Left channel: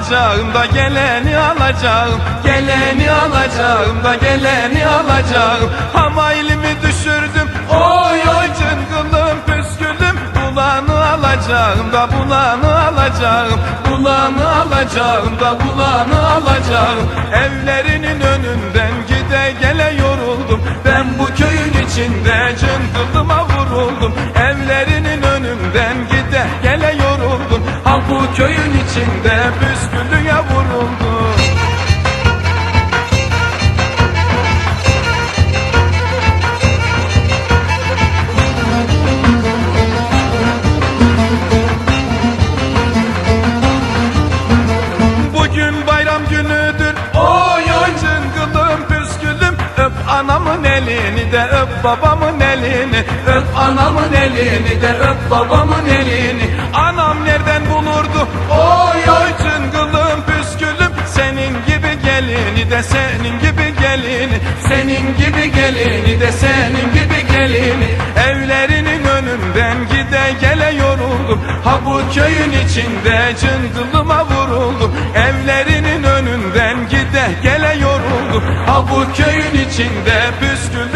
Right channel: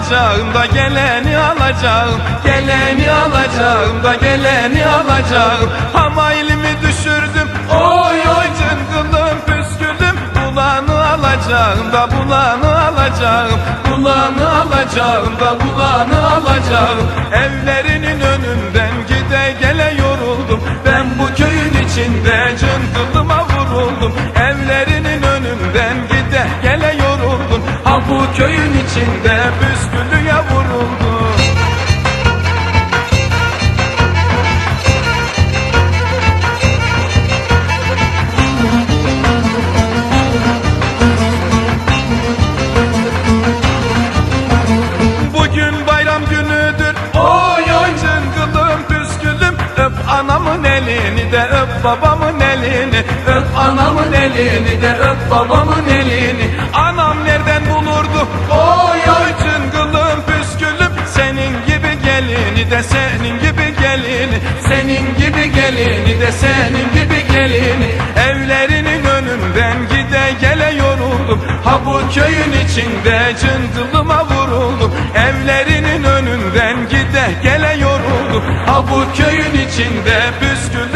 alacağım da geleni alacağım. Geleni alacağım da geleni alacağım. Hamaylimi düşürdüm Oy oy cıngılım püsküldüm. Bulanı alacağım da bulanı alacağım. Bulanı alacağım da bulanı alacağım. Evlerinin önünden gide gele yoruldum. Ben bu köyün içinde cıngılıma vuruldum. Evlerinin önünden gide gele yoruldum. Ha bu köyün içinde püsküllüğe babamın elini Öp anamın elini de öp babamın elini. Anam nereden bulurdu? Oy oy cıngılım püskülüm Senin gibi gelini de senin gibi gelini Senin gibi gelini de senin gibi gelini Evlerinin önünden gide gele yoruldum. Ha bu köyün içinde cıngılıma vuruldum. Evlerinin önünden gide gele yoruldum. Ha bu köyün içinde püsküllüme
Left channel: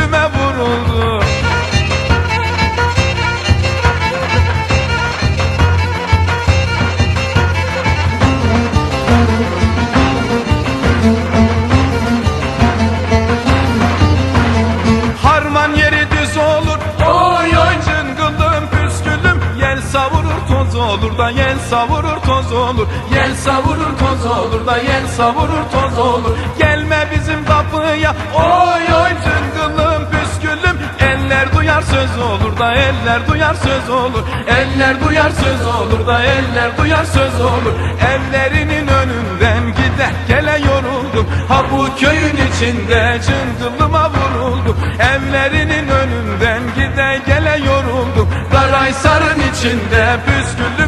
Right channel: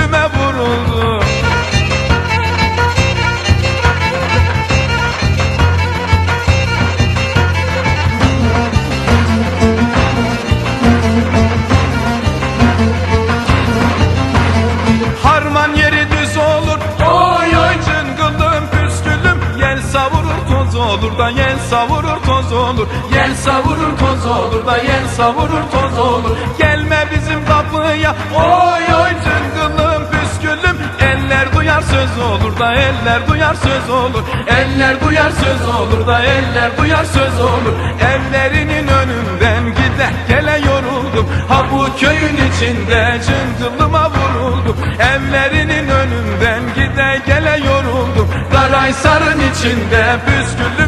toz olur da yel savurur toz olur. Yel savurur toz olur da yel savurur toz olur. Gelme bizim kapıya. Oy oy cıngılım püskülüm Eller duyar söz olur da eller duyar söz olur. Eller duyar söz olur da eller duyar söz olur. Evlerinin önünden gide gele yoruldum. Ha bu köyün içinde cıngılıma vuruldum. Evlerinin önünden gide gele yoruldum Karaysar'ın içinde püsküllüme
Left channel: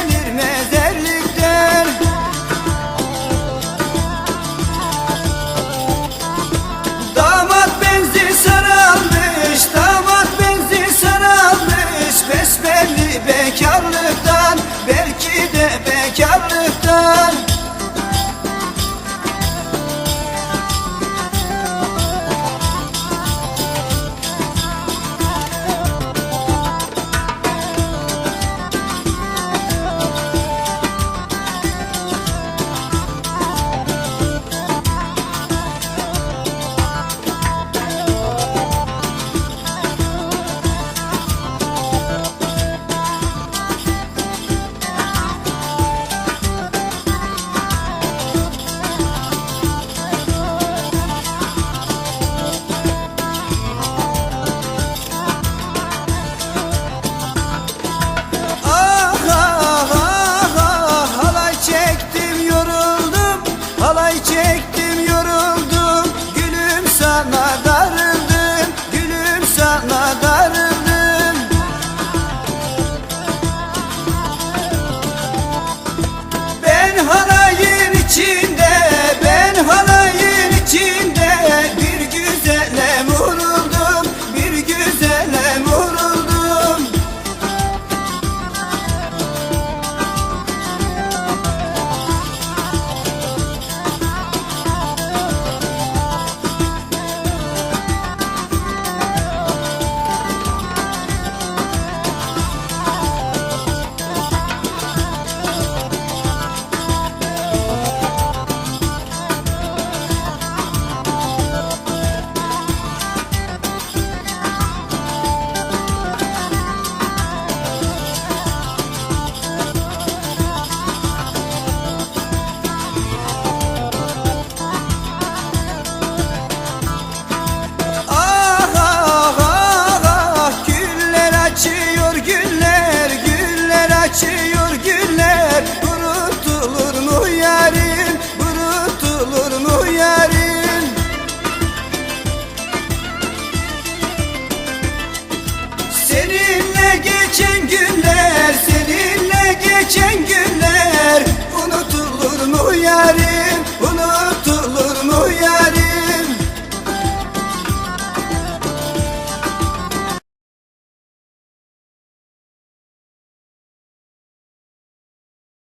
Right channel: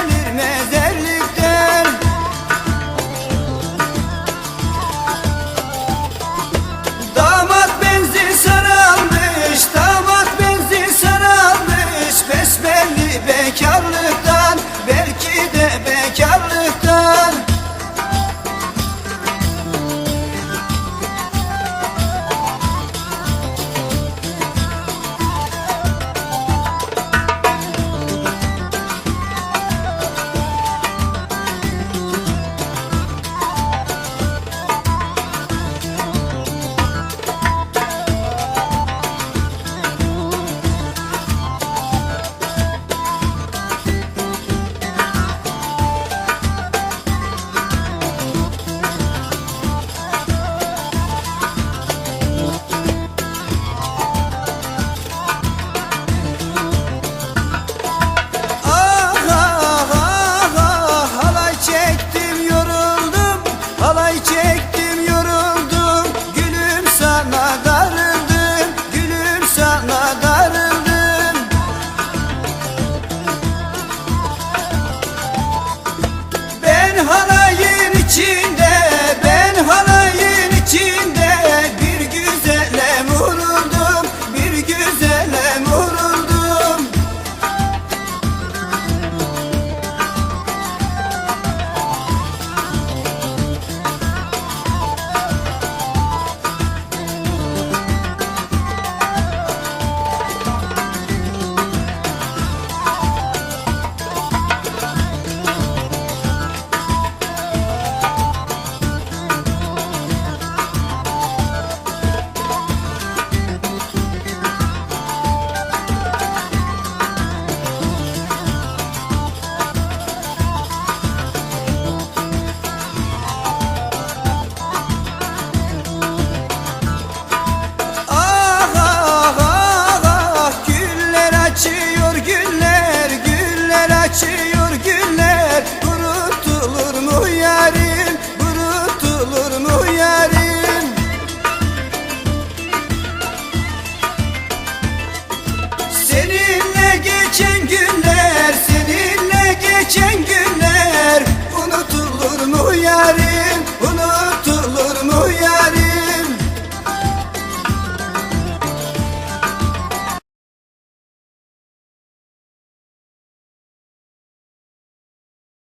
gelir mezerlikten Damat benzin saralmış damat benzin saralmış besbelli bekarlıktan belki de bekarlıktan Ben halayın güller açıyor güller kurutulur mu yarim kurutulur mu yarim Seninle geçen günler seninle geçen günler. Unutulur mu yarim unutulur